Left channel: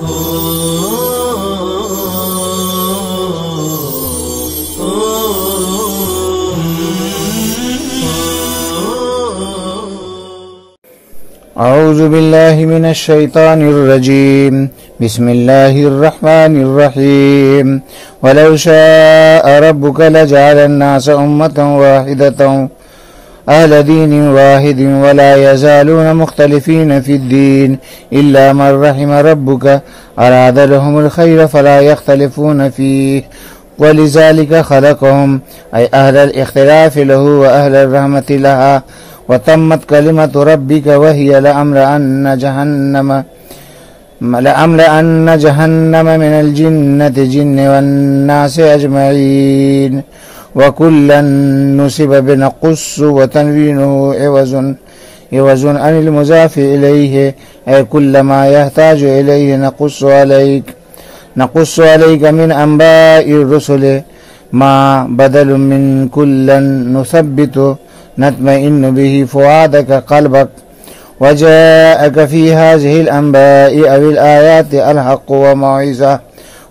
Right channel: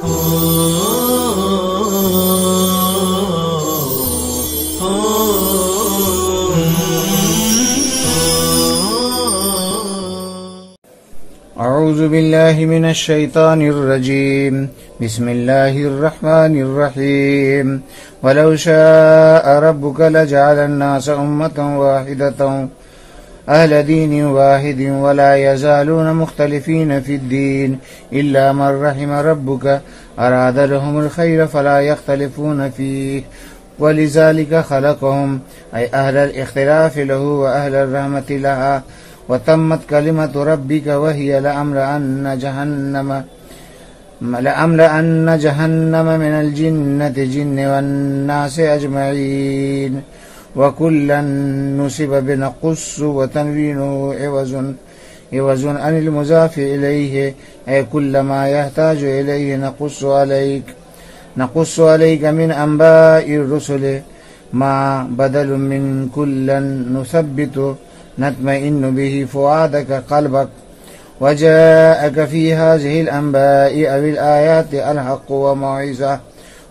اعوذ باللہ من الشیطان الرجیم بسم اللہ الرحمن الرحیم ولو شاء ربک لجعل الناس امة واحدة اہل دین واحد ولا يزالون مختلفین فی الدین الا من رحم ربک اراد لهم الخیر فلا يختلفون فیہ ولذلك خلقهم ای اہل الاختلاف له واہل الرحمة لها وتمت كلمة ربك وهي لأملأن جهنم من الجنة جن والناس أجمعين وكلا نسب بنقص وتنوينه عوض عن المضاف إليه أي كل ما يحتاج إليه نقص عليك من أنباء الرسل ما بدل من كلا نثبت نطمئن به فؤادك قلبك وجاءك في هذه الأنباء أو الآيات الحق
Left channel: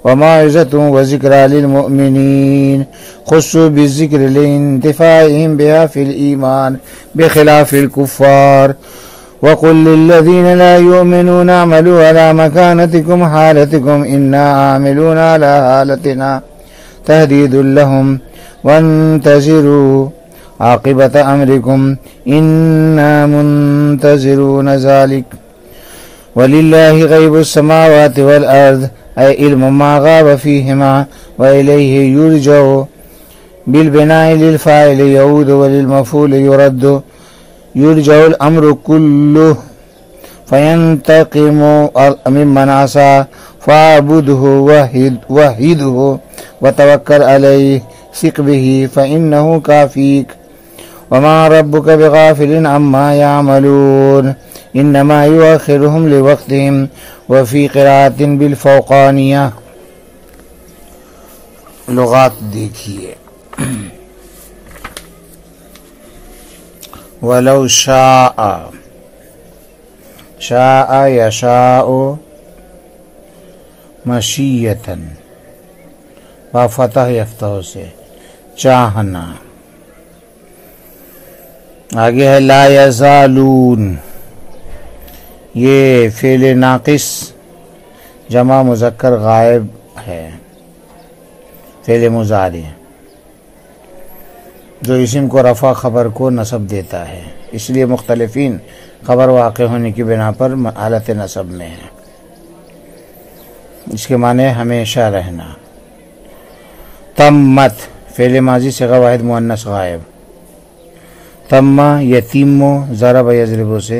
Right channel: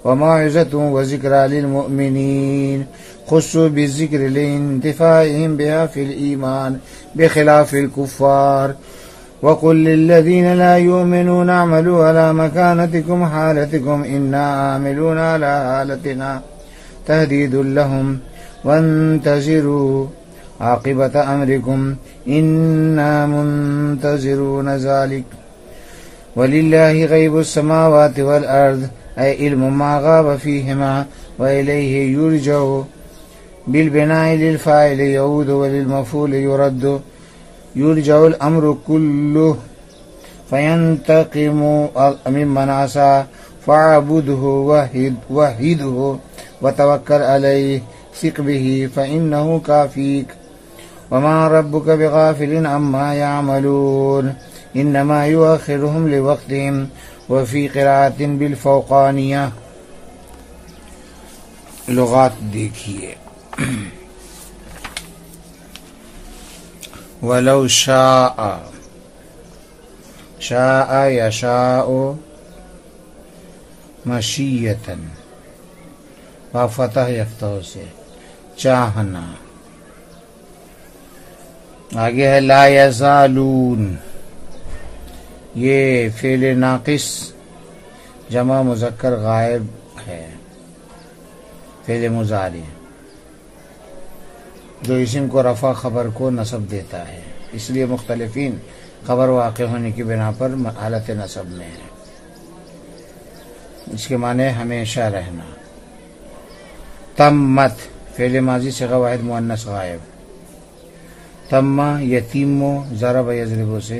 وموعظة وذكرى للمؤمنين خصوا بالذكر لانتفاعهم بها في الإيمان بخلاف الكفار وقل للذين لا يؤمنون اعملوا على مكانتكم حالتكم إنا عاملون على حالتنا تهديد لهم وانتظروا عاقبت امرکم انا منتظرون ذلك وللہ غیب السماوات والارض ای علم ما غاب فیہما والیہ یرجع بالبناء للفاعل یعود وللمفعول یرد یرجع الامر کلہ فینتقم ممن عصى فاعبده وحده وتوکل علیہ ثق به فإنه كافيك وما ربك بغافل عما يعملون انما يؤخرهم لوقتهم وفي قراءة بالفوقانية. لغات دیکھیے. ولو شاء يشاء مشیۃً با فتح یفتح سے چاہنا. آگے ہے لا یزالون، یہ فعل ناقص جمع مذکر غائب ہے، فعل مضارع جو اسم کو رفع خبر کو نصب دیتا ہے، اس لیے مختلفین خبر واقع ہونے کی بنا پر حالت نصب میں ہے. اس کے معنی ہمیشہ رہنا. تمت فعل ماضی صیغہ واحد مؤنث غائب. تم یتیم ضرب یضرب سے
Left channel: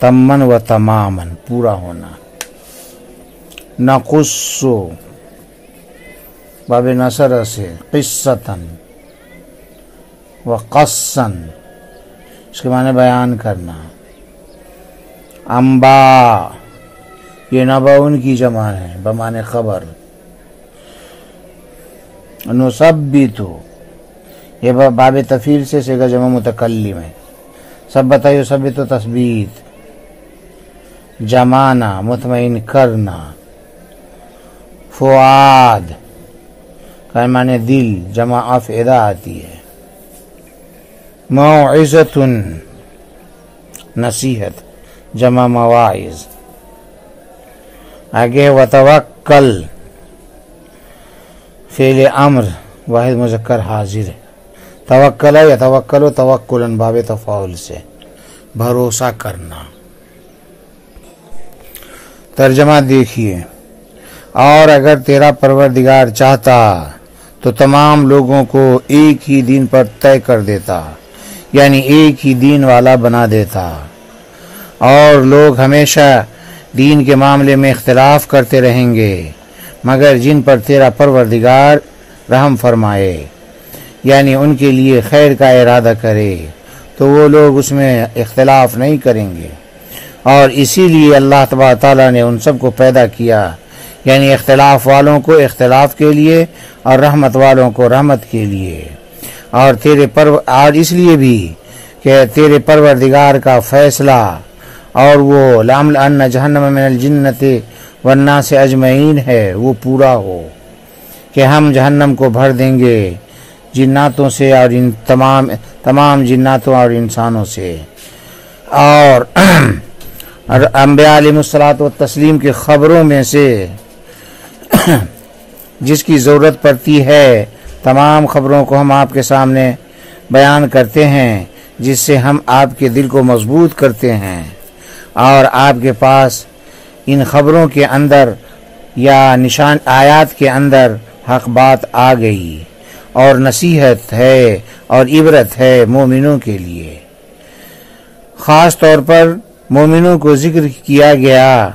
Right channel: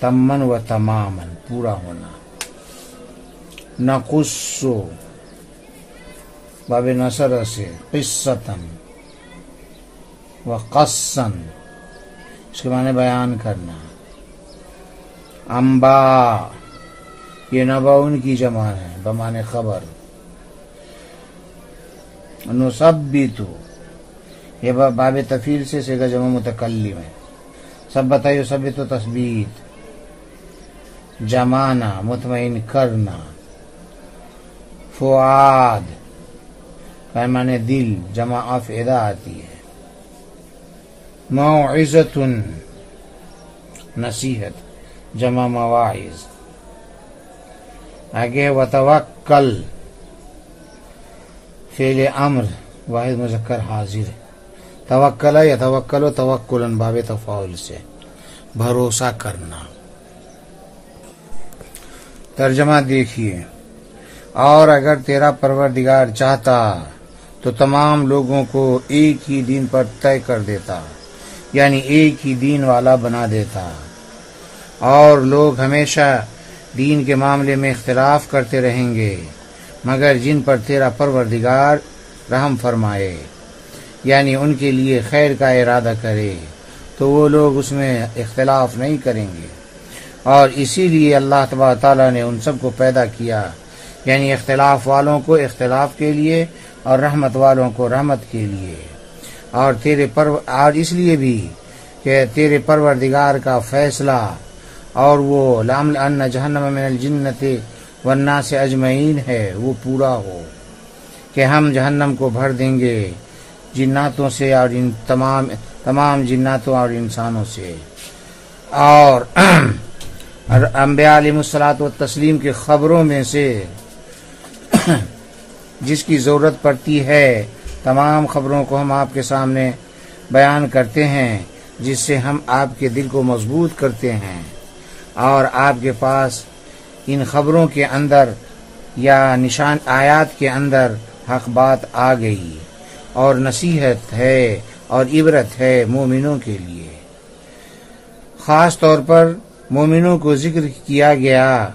تمن و تمامن پورا ہونا. نقص باب نصر سے قصتن و قصن اس کے معنی بیان کرنا. انبا یہ نباؤن کی جمع ہے بمعنی خبر. نثبت یہ باب تفعیل سے صیغہ جمع متکلم ہے. ثبت یثبت تثبیت. جمانا مطمئن کرنا. فؤاد کا معنی دل جمع افئدہ آتی ہے. موعظۃ نصیحت جمع مواعظ. آگے وتوکل فعل امر واحد مذکر حاضر ہے. توکل یتوکل توکلا باب تفاعل سے بھروسہ کرنا. ترجمہ دیکھیے. اور اگر تیرا پروردگار چاہتا تو تمام لوگوں کو ایک ہی دین پر طے کر دیتا، یعنی ایک ہی دین والا بنا دیتا، اور لوگ ہمیشہ دین کے معاملے میں اختلاف کرتے رہیں گے مگر جن پر تیرا پروردگار رحم فرمائے، یعنی ان کے لیے خیر کا ارادہ کرے، تو وہ لوگ اس میں اختلاف نہیں کریں گے. اور اسی لیے اللہ تبارک تعالیٰ نے ان سب کو پیدا کیا، یعنی اختلاف والوں کو اختلاف کے لیے اور رحمت والوں کو رحمت کے لیے. اور آج اس لیے بھی کہ تیرے پروردگار کا فیصلہ اور وہ لَأَمْلَأَنَّ جَهَنَّمَ مِنَ الْجِنَّةِ والناس اجمعین ہے وہ پورا ہو کہ ہم جہنم کو بھر دیں گے جناتوں سے اور ان تمام جناتوں اور انسانوں سے، اور انبیاء علیہ الصلوۃ والتسلیم کی خبروں میں سے جس کی ضرورت پڑتی ہے تمام خبروں کو ہم آپ کے سامنے بیان کرتے ہیں، جس سے ہم آپ کے دل کو مضبوط کرتے ہیں، اور آپ کے پاس ان خبروں کے اندر یا نشان آیات کے اندر حق بات آ گئی، اور نصیحت ہے اور عبرت ہے مومنوں کے لیے۔ خاص طور پر مومنوں کو ذکر کیا گیا،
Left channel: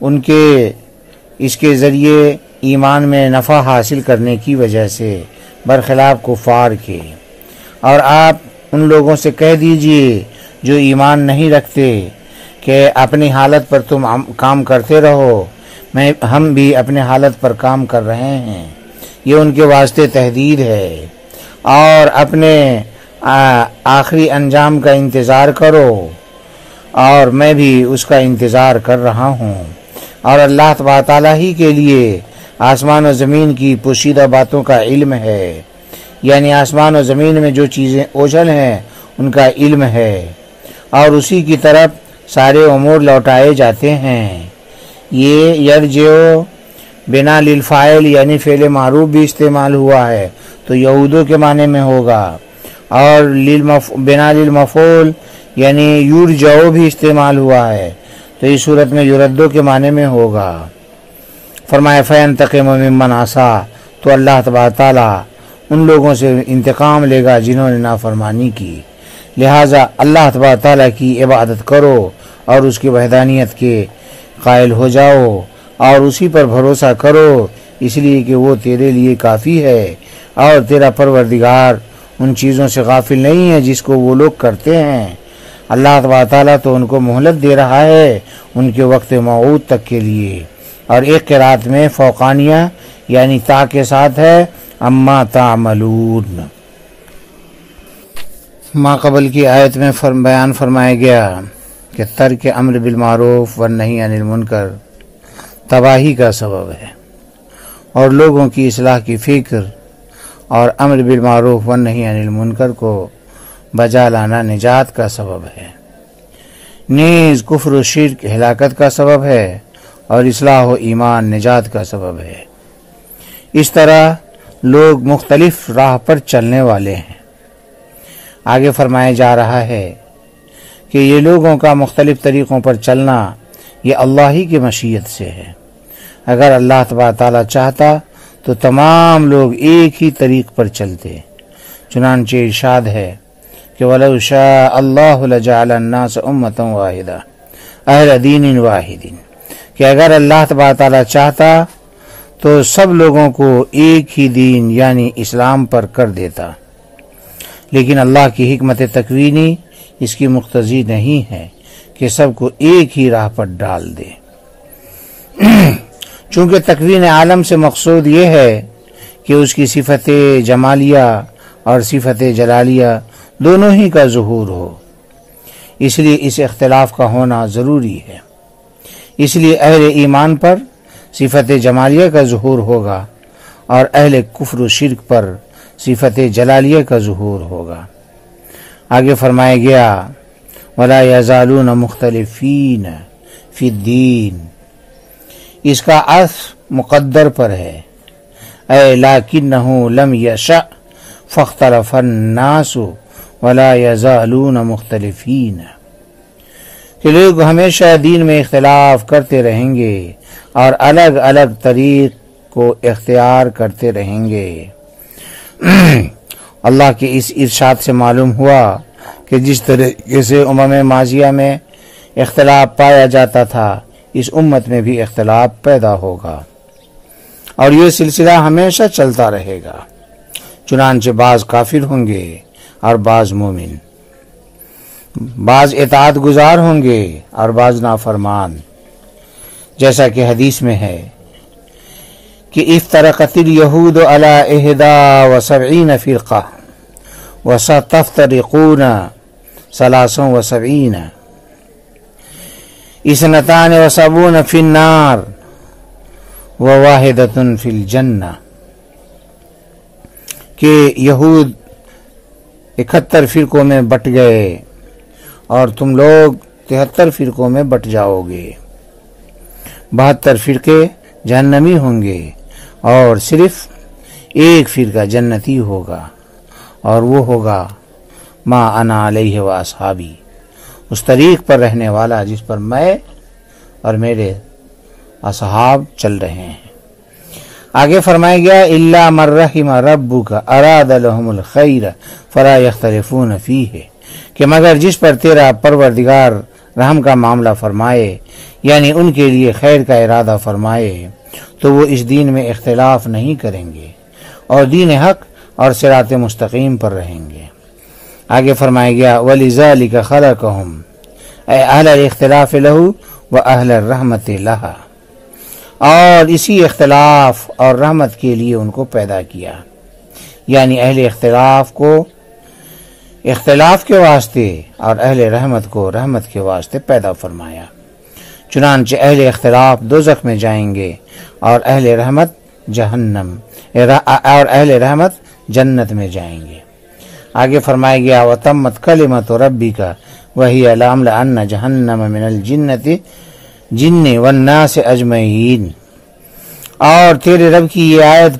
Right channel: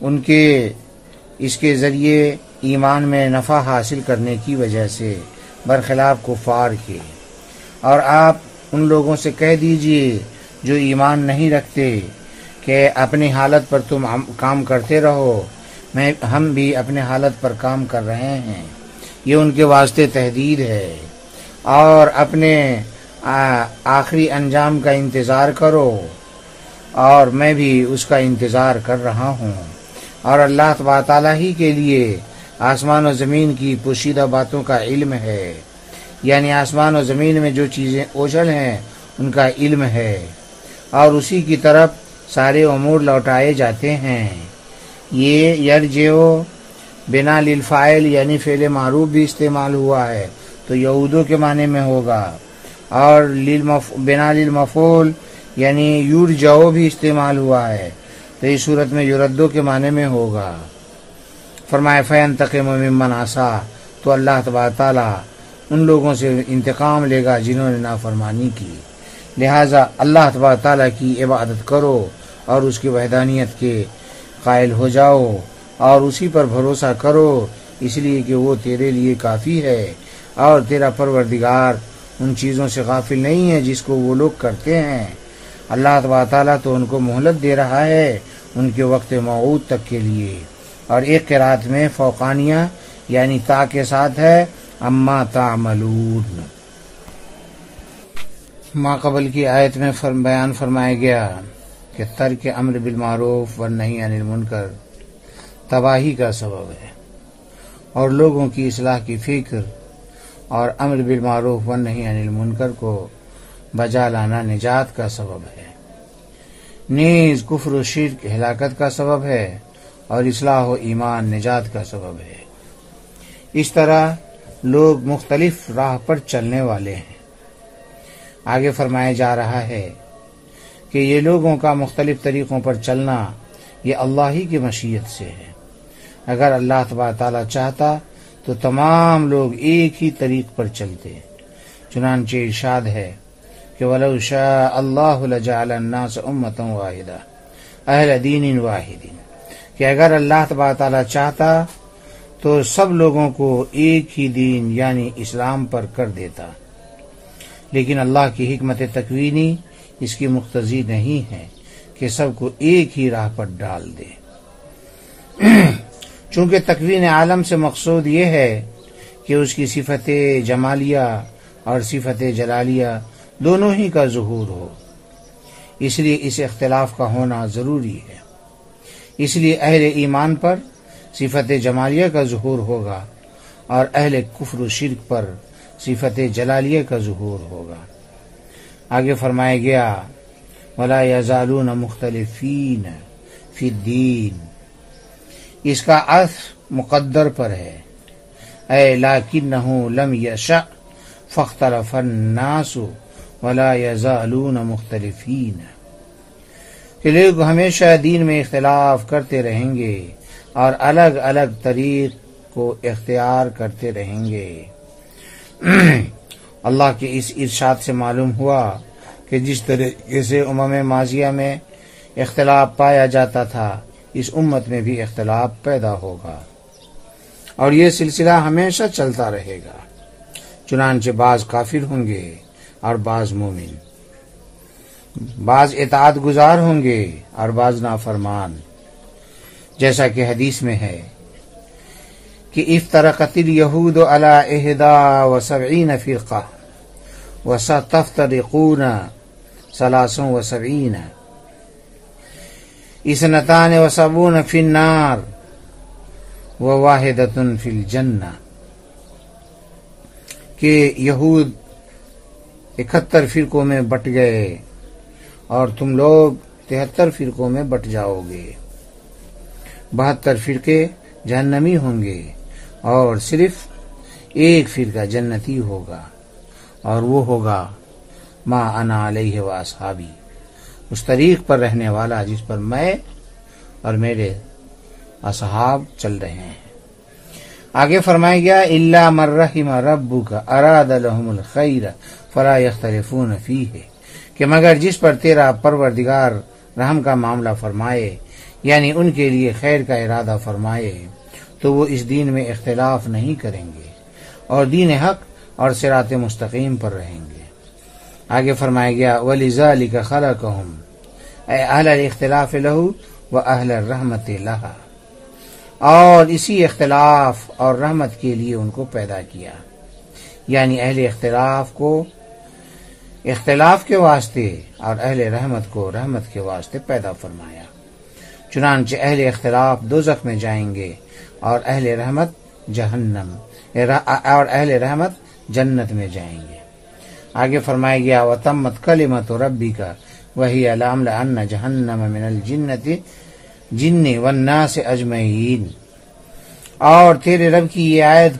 ان کے اس کے ذریعے ایمان میں نفع حاصل کرنے کی وجہ سے، برخلاف کفار کے۔ اور آپ ان لوگوں سے کہہ دیجئے جو ایمان نہیں رکھتے کہ اپنی حالت پر تم کام کرتے رہو، ہم بھی اپنے حالت پر کام کر رہے ہیں، یہ ان کے واسطے تحدید ہے، اور اپنے آخری انجام کا انتظار کرو، اور میں بھی اس کا انتظار کر رہا ہوں۔ اور اللہ تبارک تعالیٰ ہی کے لیے آسمان و زمین کی پوشیدہ باتوں کا علم ہے، یعنی آسمان و زمین میں جو چیزیں اوجھل ہیں ان کا علم ہے، اور اسی کی طرف سارے امور لوٹائے جاتے ہیں۔ یہ یرجعو بنا للفاعل یعنی فعل معروف بھی استعمال ہوا ہے تو یعودو کے معنی میں ہوگا، اور بنا للمفعول یعنی یرجعو بھی استعمال ہوا ہے تو اس صورت میں یردو کے معنی میں ہوگا۔ فرمایا فینتقم ممن عصا، تو اللہ تبارک تعالیٰ ان لوگوں سے انتقام لے گا جنہوں نے نافرمانی کی، لہٰذا اللہ تبارک تعالیٰ کی عبادت کرو اور اس کی وحدانیت کے قائل ہو جاؤ، اور اسی پر بھروسہ کرو، اس لیے کہ وہ تیرے لیے کافی ہے، اور تیرا پروردگار ان چیزوں سے غافل نہیں ہے جس کو وہ لوگ کرتے ہیں۔ اللہ تبارک تعالیٰ تو ان کو مہلت دے رہا ہے ان کے وقت موعود تک کے لیے۔ اور ایک قرات میں فوقانیہ یعنی تا کے ساتھ ہے اما تعملون۔ ما قبل کی آیت میں بیان فرمایا گیا کہ ترک امر بالمعروف والنہی عن المنکر تباہی کا سبب ہے، اور لوگوں کی اصلاح کی فکر اور امر بالمعروف والنہی عن المنکر کو بجا لانا نجات کا سبب ہے، نیز کفر و شرک ہلاکت کا سبب ہے، اور اصلاح و ایمان نجات کا سبب ہے۔ اس طرح لوگ مختلف راہ پر چلنے والے ہیں۔ آگے فرمایا جا رہا ہے کہ یہ لوگوں کا مختلف طریقوں پر چلنا یہ اللہ ہی کی مشیت سے ہے۔ اگر اللہ تبارک تعالیٰ چاہتا تو تمام لوگ ایک ہی طریق پر چلتے، چنانچہ ارشاد ہے کہ وَلَوْ شَاءَ اللَّهُ لَجَعَلَ النَّاسَ أُمَّةً وَاحِدَةً أَهْلَ دِینٍ وَاحِدٍ، کہ اگر اللہ تبارک تعالیٰ چاہتا تو سب لوگوں کو ایک ہی دین یعنی اسلام پر کر دیتا، لیکن اللہ کی حکمت تکوینی اس کی مقتضی نہیں ہے کہ سب کو ایک ہی راہ پر ڈال دے۔ چونکہ تکوین عالم سے مقصود یہ ہے کہ اس کی صفت جمالیہ اور صفت جلالیہ دونوں ہی کا ظہور ہو، اس لیے اس اختلاف کا ہونا ضروری ہے۔ اس لیے اہل ایمان پر صفت جمالیہ کا ظہور ہوگا اور اہل کفر و شرک پر صفت جلالیہ کا ظہور ہوگا۔ آگے فرمایا گیا وَلَا يَزَالُونَ مُخْتَلِفِينَ فِي الدِّينِ، اس کا عطف مقدر پر ہے، اے لَكِنَّهُ لَمْ يَشَأْ فَاخْتَلَفَ النَّاسُ وَلَا يَزَالُونَ مُخْتَلِفِينَ، کہ لوگ ہمیشہ دین میں اختلاف کرتے رہیں گے اور الگ الگ طریق کو اختیار کرتے رہیں گے۔ اللہ کے اس ارشاد سے معلوم ہوا کہ جس طریقے سے امم ماضیہ میں اختلاف پایا جاتا تھا اس امت میں بھی اختلاف پیدا ہوگا، اور یہ سلسلہ ہمیشہ چلتا رہے گا، چنانچہ بعض کافر ہوں گے اور بعض مومن، بعض اطاعت گزار ہوں گے اور بعض نافرمان، جیسا کہ حدیث میں ہے کہ افترقت الیہود علی 71 فرقہ وستفترقون 73، اثنتان و سبعون فی النار و واحدۃ فی الجنہ، کہ یہود 71 فرقوں میں بٹ گئے اور تم لوگ 73 فرقوں میں بٹ جاؤ گے، 72 فرقے جہنمی ہوں گے اور صرف ایک فرقہ جنتی ہوگا، اور وہ ہوگا ما انا علیہ و اصحابی، اس طریق پر رہنے والا جس پر میں اور میرے اصحاب چل رہے ہیں۔ آگے فرمایا گیا الا من رحم ربک اراد لهم الخیر فلا یختلفون فیہ، کہ مگر جس پر تیرا پروردگار رحم کا معاملہ فرمائے، یعنی ان کے لیے خیر کا ارادہ فرمائے، تو وہ اس دین میں اختلاف نہیں کریں گے اور دین حق اور صراط مستقیم پر رہیں گے۔ آگے فرمایا گیا وَلِذَلِكَ خَلَقَهُمْ اے اہل الاختلاف لہو و اہل الرحمت لہا، اور اسی اختلاف اور رحمت کے لیے ان کو پیدا کیا، یعنی اہل اختلاف کو اختلاف کے واسطے اور اہل رحمت کو رحمت کے واسطے پیدا فرمایا۔ چنانچہ اہل اختلاف دوزخ میں جائیں گے اور اہل رحمت جہنم اور اہل رحمت جنت میں جائیں گے۔ آگے فرمایا گیا وَتَمَّتْ كَلِمَةُ رَبِّكَ وَهِيَ لَأَمْلَأَنَّ جَهَنَّمَ مِنَ الْجِنِّ وَالنَّاسِ أَجْمَعِينَ، اور تیرے رب کی یہ آیت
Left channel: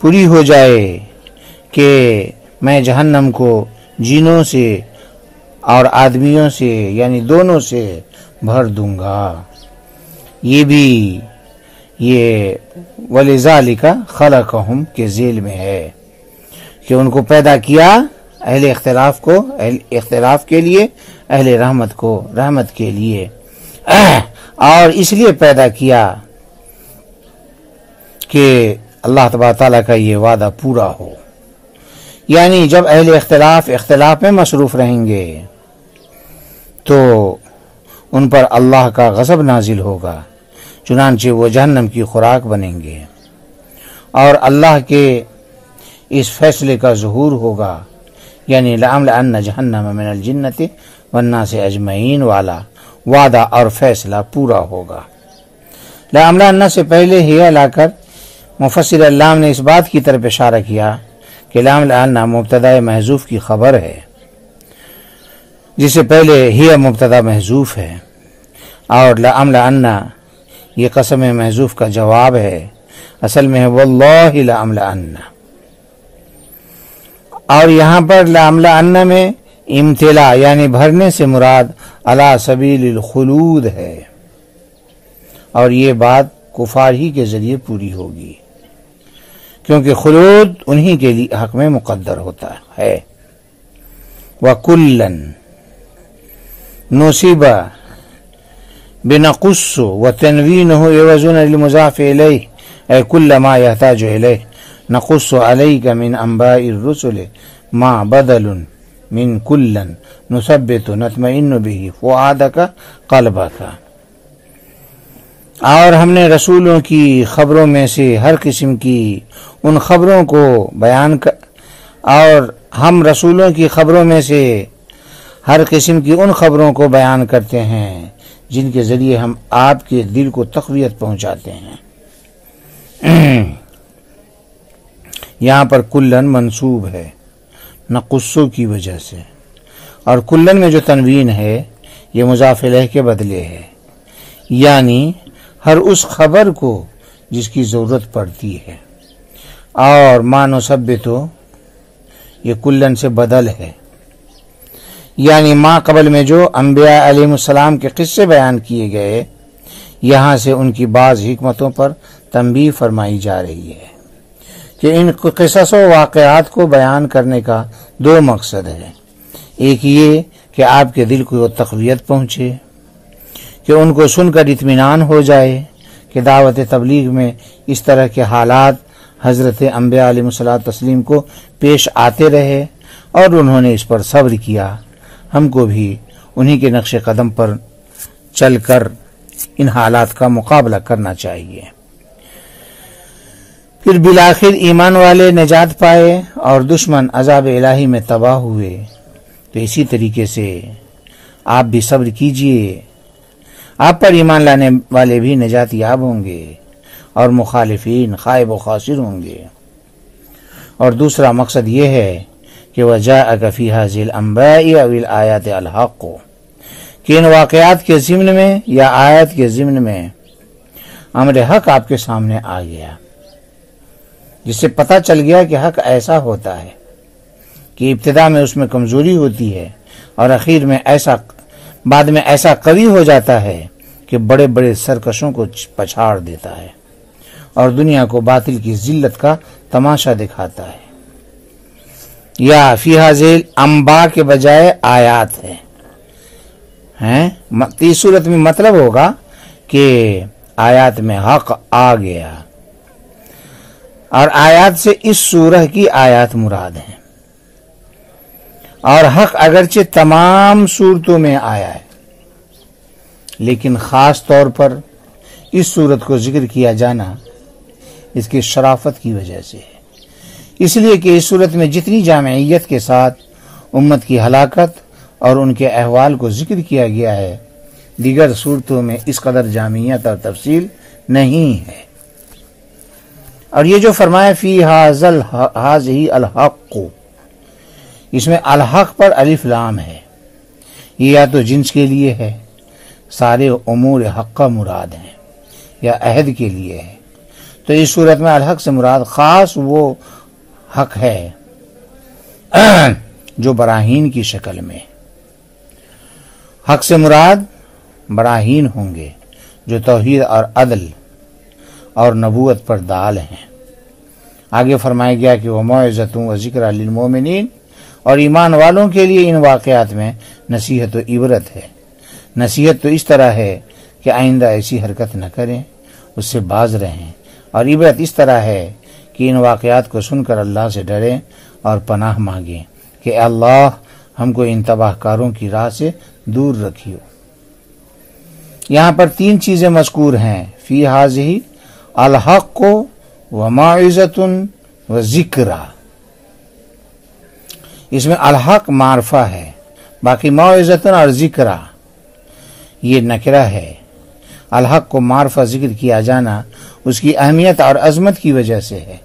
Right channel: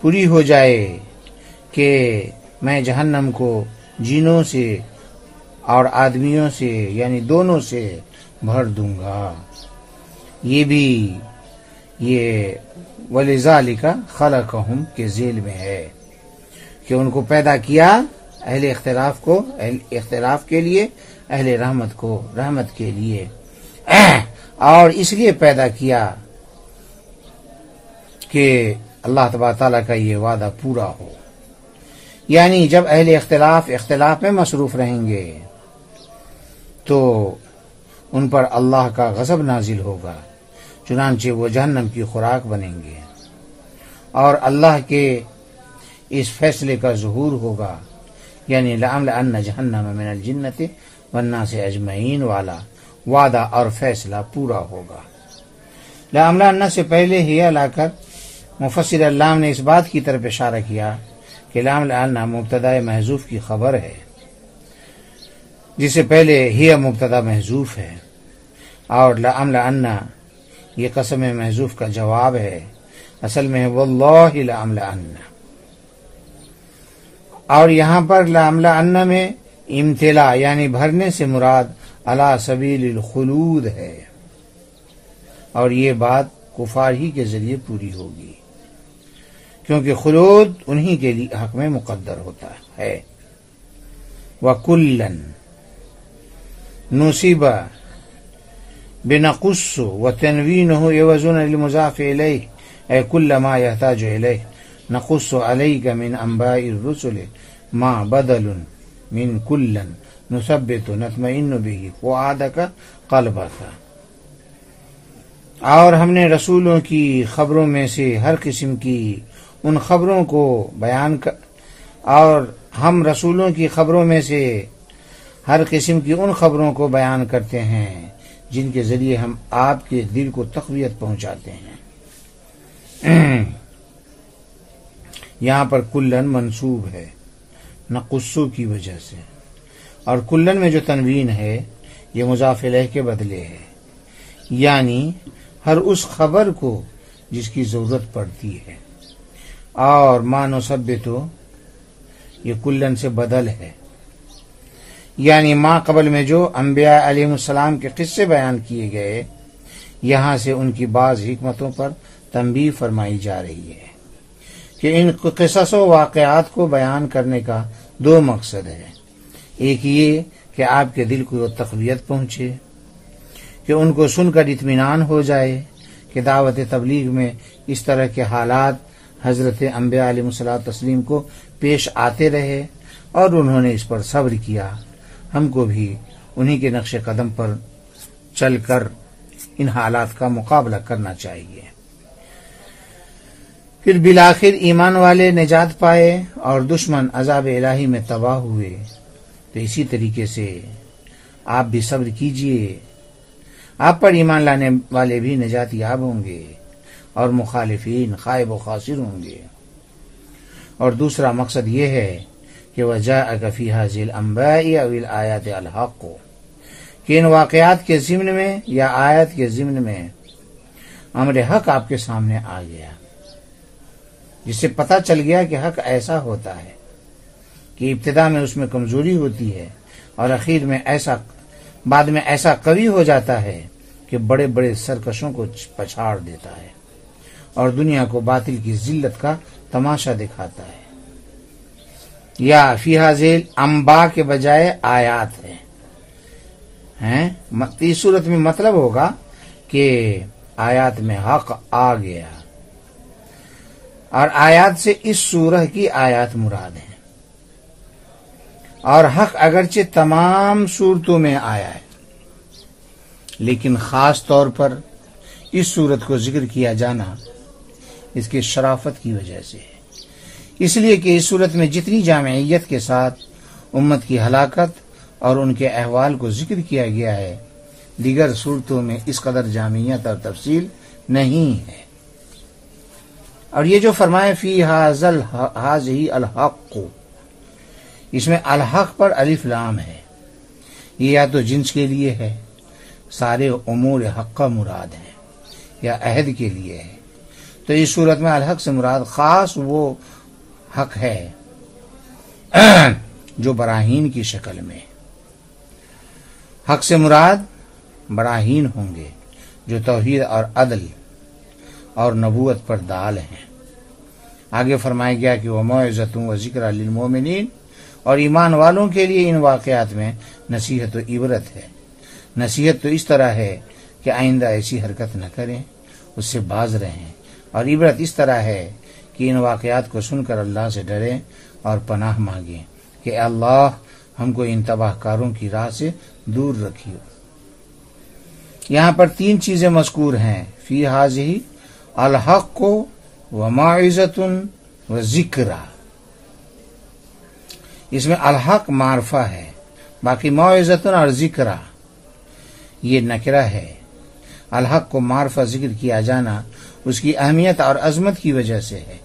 پوری ہو جائے کہ میں جہنم کو جنوں سے اور آدمیوں سے یعنی دونوں سے بھر دوں گا۔ یہ وَلِذَلِكَ خَلَقَهُمْ کے ذیل میں ہے کہ ان کو پیدا کیا اہل اختلاف کو اختلاف کے لیے، اہل رحمت کو رحمت کے لیے، اور اس لیے پیدا کیا کہ اللہ تبارک تعالیٰ کا یہ وعدہ پورا ہو، یعنی جب اہل اختلاف میں مصروف رہیں گے تو ان پر اللہ کا غضب نازل ہوگا، چنانچہ وہ جہنم کی خوراک بنیں گے، اور اللہ کے اس فیصلے کا ظہور ہوگا، یعنی لَأَمْلَأَنَّ جَهَنَّمَ مِنَ الْجِنَّةِ وَالنَّاسِ أَجْمَعِينَ والا وعدہ اور فیصلہ پورا ہوگا۔ لَأَمْلَأَنَّ سے پہلے ہی لا کر مفسر علام نے اس بات کی طرف اشارہ کیا کہ لَأَمْلَأَنَّ مبتدا محذوف کی خبر ہے، جس سے پہلے ہی مبتدا محذوف ہے، اور لَأَمْلَأَنَّ یہ قسم محذوف کا جواب ہے، اصل میں ہے وَاللَّهِ لَأَمْلَأَنَّ، اور یہاں پر لَأَمْلَأَنَّ میں امتلا یعنی بھرنے سے مراد علی سبیل الخلود ہے، اور یہ بات کفار ہی کے ذریعے پوری ہوگی، کیونکہ خلود انہی کے لیے حق میں مقدر ہوتا ہے۔ وَكُلًّا نُصِبَ بِنَقُصُّ وَتَنْوِينُهُ يَوَزُونَ لِلْمُضَافِ إِلَيْهِ أي كل ما يحتاج إليه نقص عليك من أنباء الرسل ما بدل من كلا نثبت نطمئن به فؤادك قلبك، اور ہم نے رسولوں کی خبروں میں سے ہر قسم کی ان خبروں کو بیان اور ہم رسولوں کی خبروں میں سے ہر قسم کی ان خبروں کو بیان کرتے ہیں جن کے ذریعے ہم آپ کے دل کو تقویت پہنچاتے ہیں۔ یہاں پر کلن منصوب ہے نقصو کی وجہ سے، اور کلن میں جو تنوین ہے یہ مضاف الیہ کے بدلے ہے، یعنی ہر اس خبر کو جس کی ضرورت پڑتی ہے، اور ما نثبتو یہ کلن سے بدل ہے، یعنی ما قبل میں جو انبیاء علیہ السلام کے قصے بیان کیے گئے، یہاں سے ان کی بعض حکمتوں پر تنبیہ فرمائی جا رہی ہے کہ ان قصص و واقعات کو بیان کرنے کا دو مقصد ہے، ایک یہ کہ آپ کے دل کو تقویت پہنچے، کہ ان کو سن کر اطمینان ہو جائے کہ دعوت تبلیغ میں اس طرح کے حالات حضرت انبیاء علیہ الصلوۃ والتسلیم کو پیش آتے رہے اور انہوں نے اس پر صبر کیا، ہم کو بھی انہی کے نقش قدم پر چل کر ان حالات کا مقابلہ کرنا چاہیے۔ پھر بالآخر ایمان والے نجات پائے اور دشمن عذاب الہی میں تباہ ہوئے، تو اسی طریقے سے آپ بھی صبر کیجئے، آپ پر ایمان لانے والے بھی نجات یاب ہوں گے اور مخالفین خائب و خاسر ہوں گے۔ اور دوسرا مقصد یہ ہے کہ وَجَاءَكَ فِي هَذِهِ الْأَنْبَاءِ أَوِ الْآيَاتِ الْحَقُّ، کہ ان واقعات کے ضمن میں یا آیت کے ضمن میں امر حق آپ کے سامنے آ گیا، جس سے پتہ چل گیا کہ حق ایسا ہوتا ہے کہ ابتدا میں اس میں کمزوری ہوتی ہے اور اخیر میں بعد میں ایسا قوی ہو جاتا ہے کہ بڑے بڑے سرکشوں کو پچھاڑ دیتا ہے اور دنیا کو باطل کی ذلت کا تماشا دکھاتا ہے۔ یا فی ہذیل انباء کے بجائے آیات ہے، اس صورت میں مطلب ہوگا کہ آیات میں حق آ گیا، اور آیات سے اس سورہ کی آیات مراد ہیں، اور حق اگرچہ تمام صورتوں میں آیا ہے لیکن خاص طور پر اس صورت کو ذکر کیا جانا اس کی شرافت کی وجہ سے ہے، اس لیے کہ اس صورت میں جتنی جامعیت کے ساتھ امت کی ہلاکت اور ان کے احوال کو ذکر کیا گیا ہے، دیگر صورتوں میں اس قدر جامعیت اور تفصیل نہیں ہے۔ اور یہ جو فرمایا فی ہذہ الحق، اس میں الحق پر الف لام ہے، یہ یا تو جنس کے لیے ہے، سارے امور حق کا مراد ہیں، یا عہد کے لیے ہے، تو اس صورت میں الحق سے مراد خاص وہ حق ہے جو براہین کی شکل میں، حق سے مراد براہین ہوں گے جو توحید اور عدل اور نبوت پر دال ہیں۔ آگے فرمایا گیا کہ وَمَوْعِظَةٌ وَذِكْرَىٰ لِلْمُؤْمِنِينَ، اور ایمان والوں کے لیے ان واقعات میں نصیحت و عبرت ہے۔ نصیحت تو اس طرح ہے کہ آئندہ ایسی حرکت نہ کریں، اس سے باز رہیں، اور عبرت اس طرح ہے کہ ان واقعات کو سن کر اللہ سے ڈریں اور پناہ مانگیں کہ اے اللہ ہم کو ان تباہ کاروں کی راہ سے دور رکھیو۔ یہاں پر تین چیزیں مذکور ہیں، فی ہذہ الحق وموعظۃ وذکریٰ۔ اس میں الحق معرفہ ہے، باقی موعظۃ اور ذکریٰ یہ نکرہ ہے۔ الحق کو معرفہ ذکر کیا جانا اس کی اہمیت اور عظمت کی وجہ سے ہے،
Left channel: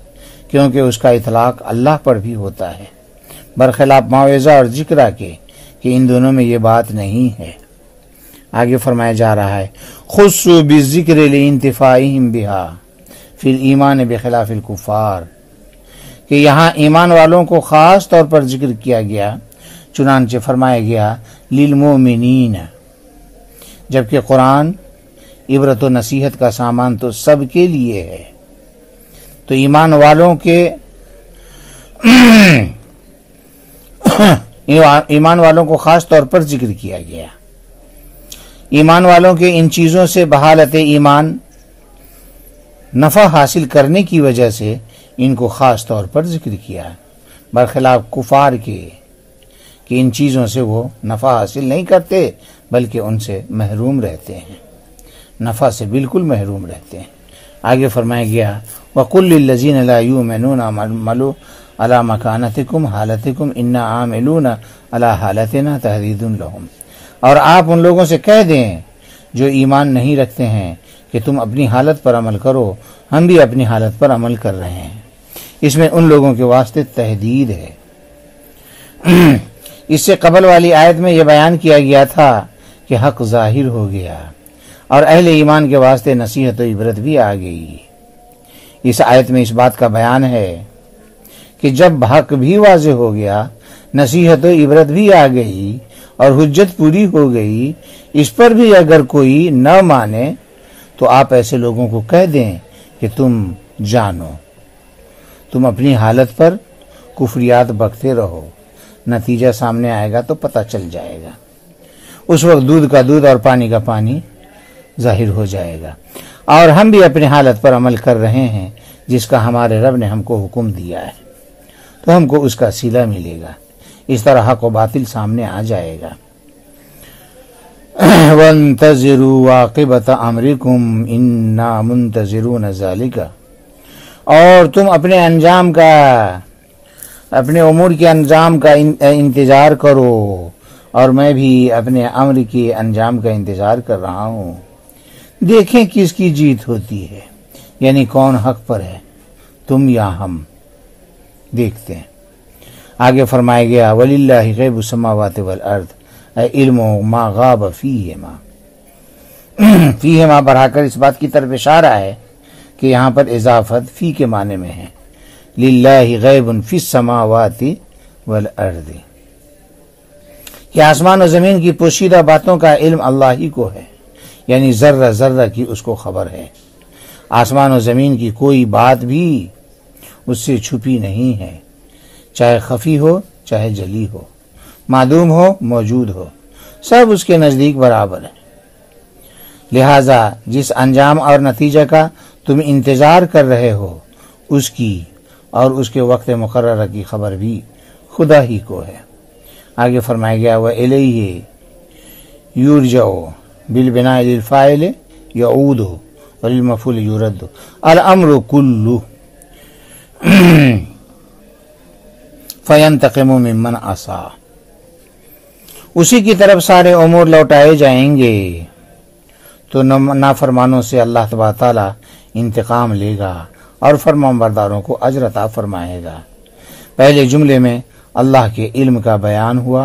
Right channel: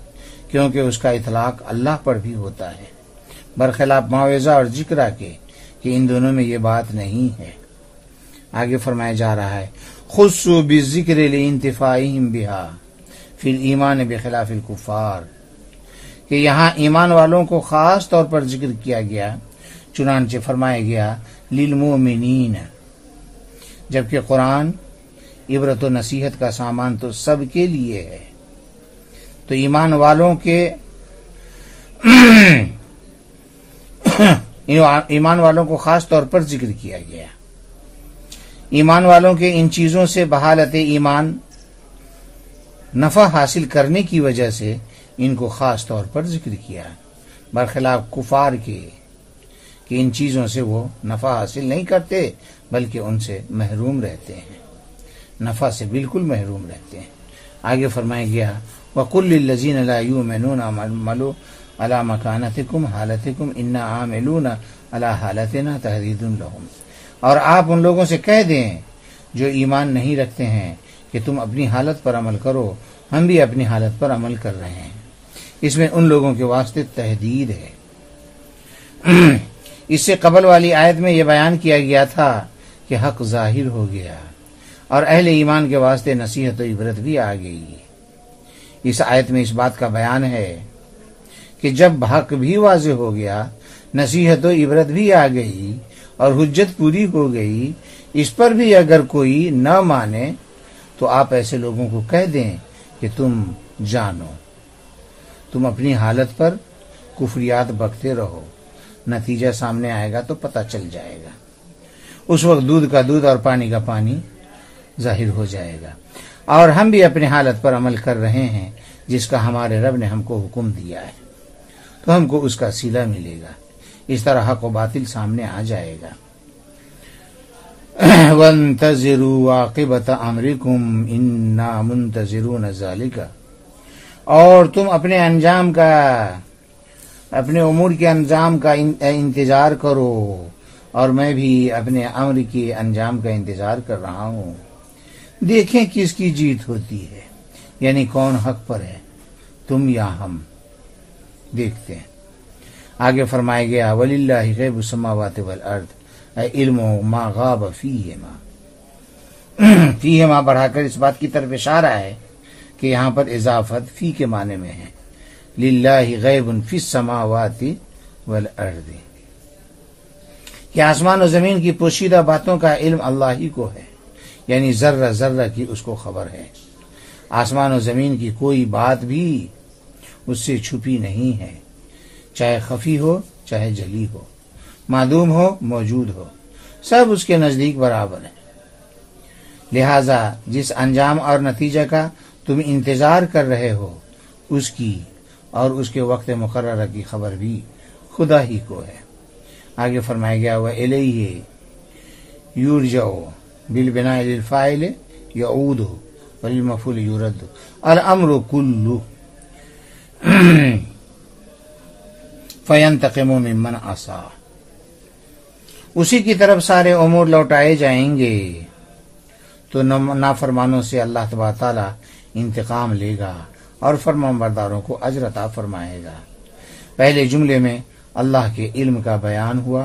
کیونکہ اس کا اطلاق اللہ پر بھی ہوتا ہے، برخلاف موعظہ اور ذکریٰ کے کہ ان دونوں میں یہ بات نہیں ہے۔ آگے فرمایا جا رہا ہے خصوا بالذکر لانتفاعہم بہا فی الایمان بخلاف الکفار، کہ یہاں ایمان والوں کو خاص طور پر ذکر کیا گیا، چنانچہ فرمایا گیا للمؤمنین، جبکہ قرآن عبرت و نصیحت کا سامان تو سب کے لیے ہے، تو ایمان والوں کے ایمان والوں کو خاص طور پر ذکر کیا گیا۔ ایمان والوں کے ان چیزوں سے بحالت ایمان نفع حاصل کرنے کی وجہ سے ان کو خاص طور پر ذکر کیا، برخلاف کفار کے کہ ان چیزوں سے وہ نفع حاصل نہیں کرتے بلکہ ان سے محروم رہتے ہیں، نفع سے بالکل محروم رہتے ہیں۔ آگے فرمایا گیا وَقُلْ لِلَّذِينَ لَا يُؤْمِنُونَ اعْمَلُوا عَلَىٰ مَكَانَتِكُمْ حَالَتِكُمْ إِنَّا عَامِلُونَ عَلَىٰ حَالَتِنَا تَحْدِيدٌ لَهُمْ، اور آپ ان لوگوں سے کہہ دیں جو ایمان نہیں رکھتے ہیں کہ تم اپنی حالت پر عمل کرو، ہم بھی اپنی حالت پر عمل کر رہے ہیں۔ اس میں ان لوگوں کے واسطے تحدید ہے۔ اس سے قبل والی آیت میں یہ بیان کیا گیا تھا کہ حق ظاہر ہو گیا اور اہل ایمان کے واسطے نصیحت و عبرت بھی آ گئی۔ اس آیت میں اس بات کا بیان ہے کہ جب حق بھی واضح ہو گیا، نصیحت و عبرت بھی آ گئی اور حجت پوری ہو گئی، اس پر بھی اگر کوئی نہ مانے تو آپ ایسے لوگوں کو کہہ دیں کہ تم جانو، تم اپنی حالت پر کفریات بکتے رہو، نتیجہ سامنے آئے گا تو پتہ چل جائے گا، اس وقت دودھ کا دودھ اور پانی کا پانی ظاہر ہو جائے گا، اور ہم بھی اپنی حالت پر عمل کر رہے ہیں جس کا ہمارے رب نے ہم کو حکم دیا ہے، تو ہم کو اس کا صلہ ملے گا۔ اس طرح حق و باطل سامنے آ جائے گا۔ وَانتَظِرُوا عَاقِبَةَ أَمْرِكُمْ إِنَّا مُنتَظِرُونَ ذَلِكَ، اور تم اپنے امور کے انجام کا انتظار کرو، اور میں بھی اپنے امر کے انجام کا انتظار کر رہا ہوں۔ دیکھیں کس کی جیت ہوتی ہے، یعنی کون حق پر ہے، تم یا ہم؟ دیکھتے ہیں۔ آگے فرمایا گیا وَلِلَّهِ غَيْبُ السَّمَاوَاتِ وَالْأَرْضِ عِلْمُ مَا غَابَ فِيهِمَا۔ فِيهِمَا بڑھا کر اس بات کی طرف اشارہ ہے کہ یہاں پر اضافت فی کے معنی میں ہے۔ لِلَّهِ غَيْبٌ فِي السَّمَاوَاتِ وَالْأَرْضِ، کہ آسمان و زمین کی پوشیدہ باتوں کا علم اللہ ہی کو ہے، یعنی ذرہ ذرہ کی اس کو خبر ہے۔ آسمان و زمین کی کوئی بات بھی اس سے چھپی نہیں ہے، چاہے خفی ہو چاہے جلی ہو، معدوم ہو موجود ہو، سب اس کے نزدیک برابر ہے۔ لہذا جس انجام اور نتیجہ کا تم انتظار کر رہے ہو، اس کی اور اس کے وقت مقررہ کی خبر بھی خدا ہی کو ہے۔ آگے فرمایا گیا وَإِلَيْهِ يُرْجَعُ بِالْبِنَاءِ لِلْفَاعِلِ يَعُودُ وَلِلْمَفْعُولِ يُرَدُّ الْأَمْرُ كُلُّهُ فَيَنْتَقِمُ مِمَّنْ عَصَى، اسی کی طرف سارے امور لوٹائے جائیں گے تو نافرمانوں سے اللہ تبارک تعالیٰ انتقام لے گا اور فرمانبرداروں کو اجر عطا فرمائے گا۔ پہلے جملے میں اللہ کے علم کا بیان ہوا،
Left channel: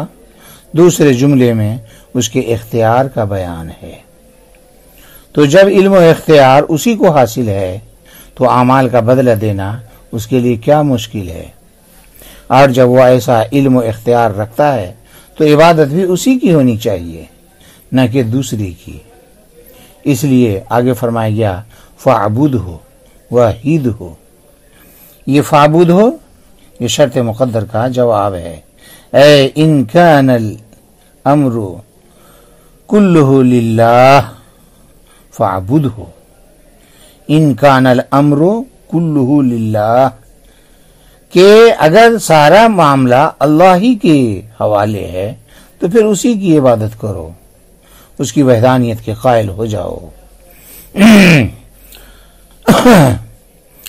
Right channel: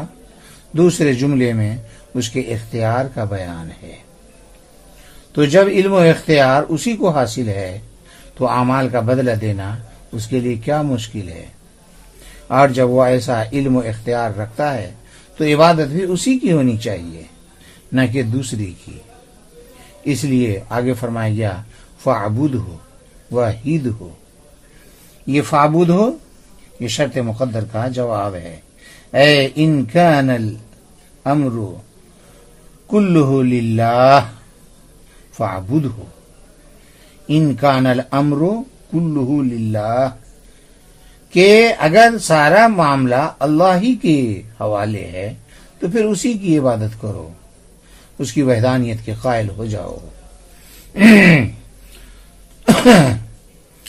دوسرے جملے میں اس کے اختیار کا بیان ہے۔ تو جب علم و اختیار اسی کو حاصل ہے تو اعمال کا بدلہ دینا اس کے لیے کیا مشکل ہے، اور جب وہ ایسا علم و اختیار رکھتا ہے تو عبادت بھی اسی کی ہونی چاہیے نہ کہ دوسری کی۔ اس لیے آگے فرمایا گیا فَاعْبُدْهُ وَحِدْهُ، یہ فَاعْبُدْ ہو یہ شرط مقدر کا جواب ہے۔ اے ان کان الامر کلہ للہ فاعبدہ، ان کان الامر کلہ للہ، کہ اگر سارا معاملہ اللہ ہی کے حوالے ہے تو پھر اسی کی عبادت کرو، اس کی وحدانیت کے قائل ہو جاؤ۔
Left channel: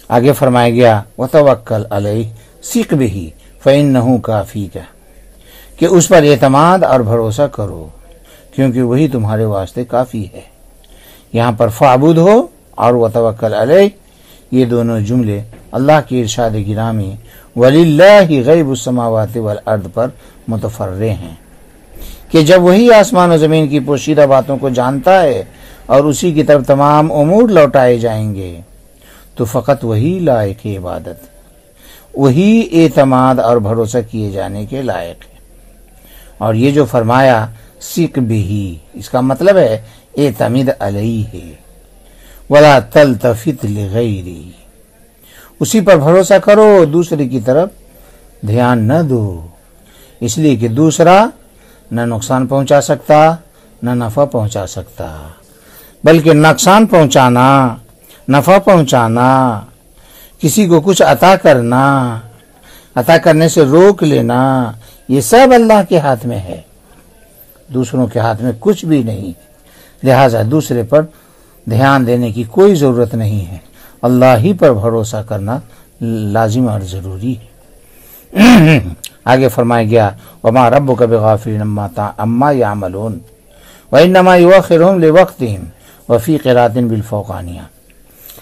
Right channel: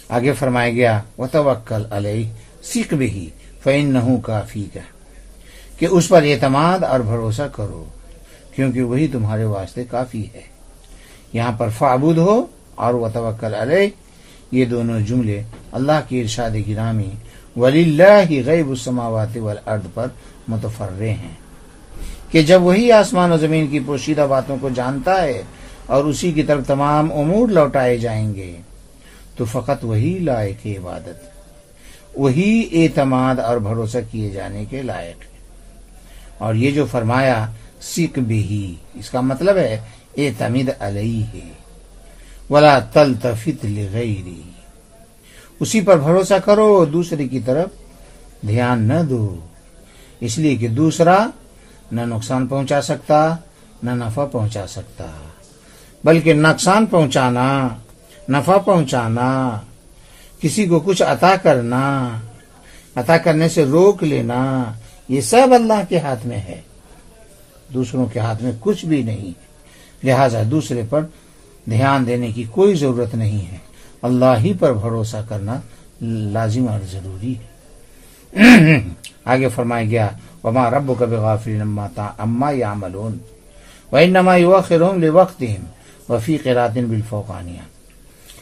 آگے فرمایا گیا وَتَوَكَّلْ عَلَيْهِ سِقْ بِهِ فَإِنَّهُ كَافِيكَ، کہ اس پر اعتماد اور بھروسہ کرو کیونکہ وہی تمہارے واسطے کافی ہے۔ یہاں پر فَاعْبُدْ ہو اور وَتَوَكَّلْ عَلَيْهِ یہ دونوں جملے اللہ کی ارشاد گرامی وَلِلَّهِ غَيْبُ السَّمَاوَاتِ وَالْأَرْضِ پر متفرع ہیں، کہ جب وہی آسمان و زمین کی پوشیدہ باتوں کو جانتا ہے اور اسی کی طرف تمام امور لوٹائے جائیں گے تو فقط وہی لائق عبادت، وہی اعتماد اور بھروسہ کیے جانے کے لائق ہے۔ اور یہ جو فرمایا سِقْ بِهِ، اس کا مطلب ہے اعتمد علیہ ولا تلتفت لغیری، اسی پر بھروسہ کرو، دوسرے کی طرف دھیان نہ دو، اس لیے کہ دوسرا نہ نقصان پہنچا سکتا نہ نفع پہنچا سکتا، بلکہ نقصان پہنچانا، نفع پہنچانا، کسی کو کچھ عطا کرنا، عطا کرنے سے روک لینا، یہ سب اللہ کے ہاتھ میں ہے، دوسروں کے ہاتھ میں کچھ بھی نہیں، لہذا دوسرے پر دھیان دینے کی کوئی ضرورت نہیں ہے، اللہ ہی پر بھروسہ کرنا لازم اور ضروری ہے۔ آگے فرمایا گیا وما ربک بغافل عما یعملون وانما یؤخرهم لوقتهم وفی قراءۃ بالفوقانیہ،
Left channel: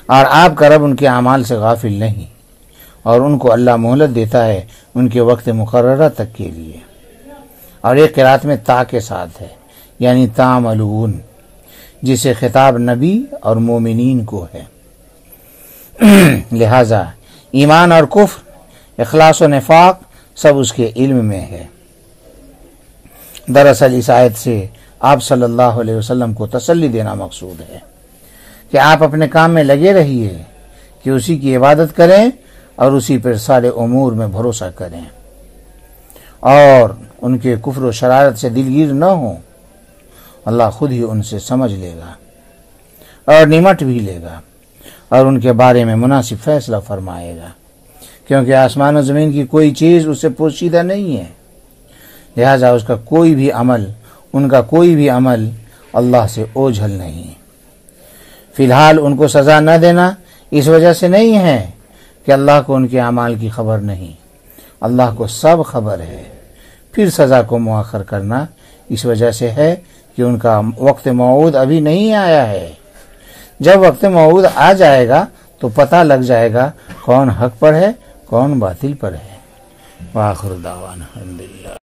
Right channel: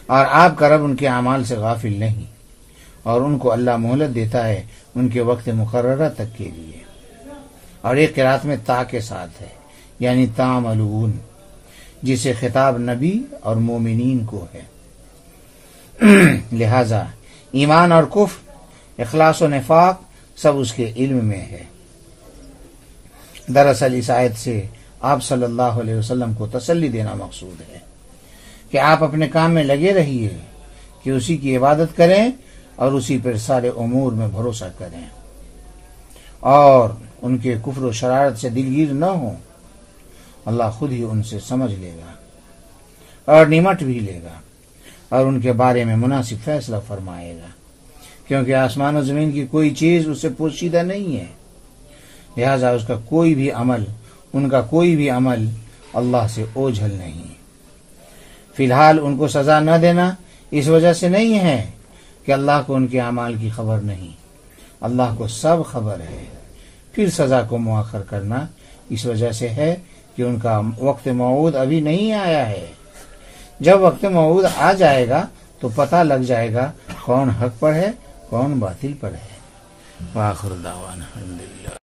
اور آپ کا رب ان کے اعمال سے غافل نہیں اور ان کو اللہ مہلت دیتا ہے ان کے وقت مقررہ تک کے لیے، اور ایک قراءت میں تا کے ساتھ ہے یعنی تعملون، جسے خطاب نبی اور مومنین کو ہے۔ لہذا ایمان اور کفر، اخلاص و نفاق سب اس کے علم میں ہے۔ دراصل اس آیت سے آپ صلی اللہ علیہ وسلم کو تسلی دینا مقصود ہے کہ آپ اپنے کام میں لگے رہیے، کہ اسی کی عبادت کریں اور اسی پر سارے امور میں بھروسہ کریں اور ان کے کفر و شرارت سے دلگیر نہ ہوں، اللہ خود ہی ان سے سمجھ لے گا اور نمٹ بھی لے گا اور ان کے بارے میں مناسب فیصلہ فرمائے گا، کیونکہ آسمان و زمین کی کوئی چیز اس سے پوشیدہ نہیں ہے، لہذا اس کا کوئی بھی عمل، ان کا کوئی بھی عمل اللہ سے اوجھل نہیں۔ فی الحال ان کو سزا نہ دینا اس وجہ سے نہیں ہے کہ اللہ کو ان کے اعمال کی خبر نہیں، اللہ کو سب خبر ہے، پھر سزا کو مؤخر کرنا اس وجہ سے ہے کہ ان کا وقت موعود ابھی نہیں آیا ہے۔ جب وقت موعود آ جائے گا تو پتہ لگ جائے گا کون حق پر ہے کون باطل پر ہے۔ وآخر دعوانا الحمدللہ۔